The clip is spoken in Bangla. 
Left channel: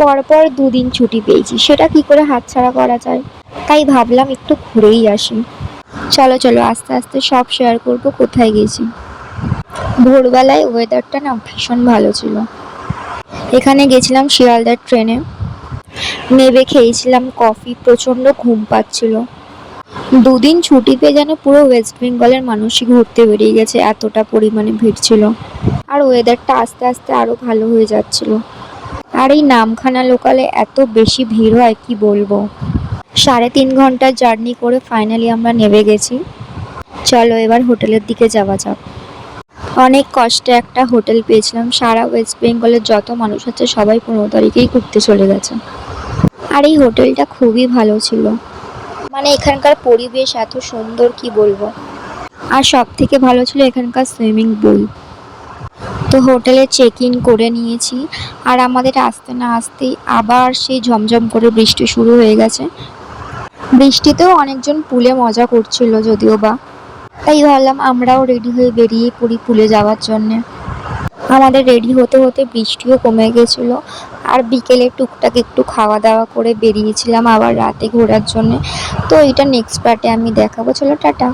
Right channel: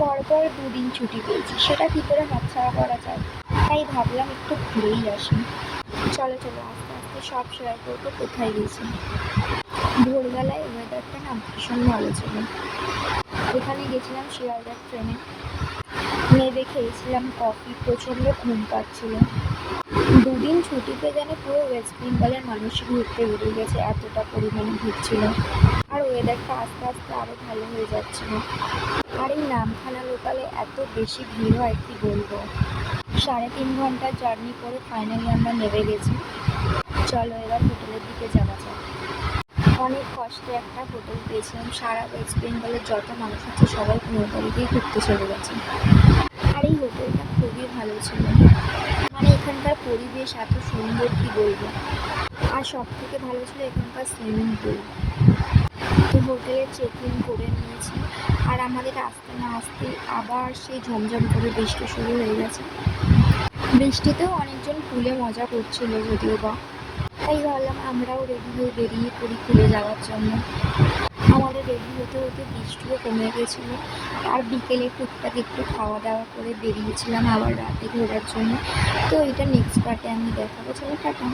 পরপর দুদিন ছুটি পেয়েছি, সেটা কি করে হাতছাড়া করা যায়। তাই ভাবলাম একটু ঘুরেই আসি। চলো চলো, আস্তে আস্তে সব শেয়ার করবো কোথায় গেছি। ভোরবেলায় ওয়েদারটা না ভীষণ ভালো ছিল। এখানে গেছিলাম শিয়ালদার ট্রেনে, নেমে খেয়েছিলাম কফি, প্রচণ্ড ঘুম পাচ্ছিল। দুদিন ছুটি পেয়ে যেন পুরো ওয়েস্ট বেঙ্গলের মানুষই ঘুরতে বেরিয়ে গেছে, এতটা পরিমাণে ভিড় ছিল। আর ওয়েদারটা আস্তে আস্তে আরও ভালো হয়ে যাচ্ছিল। আর এই নামখানা লোকালে এত বেশি ভিড় হয় কি বলবো। 3.5 ঘন্টার জার্নি করে ফাইনালি আমরা নেমে গেছি। চলো এবার হোটেলের দিকে যাওয়া যাক। অনেক কষ্টে একটা হোটেল পেয়েছিলাম। সারা ওয়েস্ট বেঙ্গলের যত মানুষ আছে সবাই 15 তারিখেই ঘুরতে চলে গেছে। আর এই হোটেলটা খুবই ভালো ছিল, মানে এখানকার পরিবেশ এত সুন্দর কি বলবো। আর সব থেকে ভালো ছিল এখানকার সুইমিং পুল। তো হোটেলে চেক ইন করে নিয়েছি, আর আমাদের আসতে না আসতেই আবার সেই ঝমঝম করে বৃষ্টি শুরু হয়ে গেছে। বৃষ্টিতেও অনেকজন পুলে মজা করছিল যদিও বা, তাই ভাবলাম আমরাও রেডি হয়ে বেরিয়ে পড়ি পুলে যাওয়ার জন্যে। আমাদের রেডি হতে হতে বৃষ্টিও কমে গেছিলো। আর বিকেলে টুকটাক একটু খাওয়া দাওয়া করে বেরিয়েছিলাম আবার রাতে ঘোরার জন্য। তো এটা নেক্সট পার্টে আমি দেখাবো। চলো টাটা।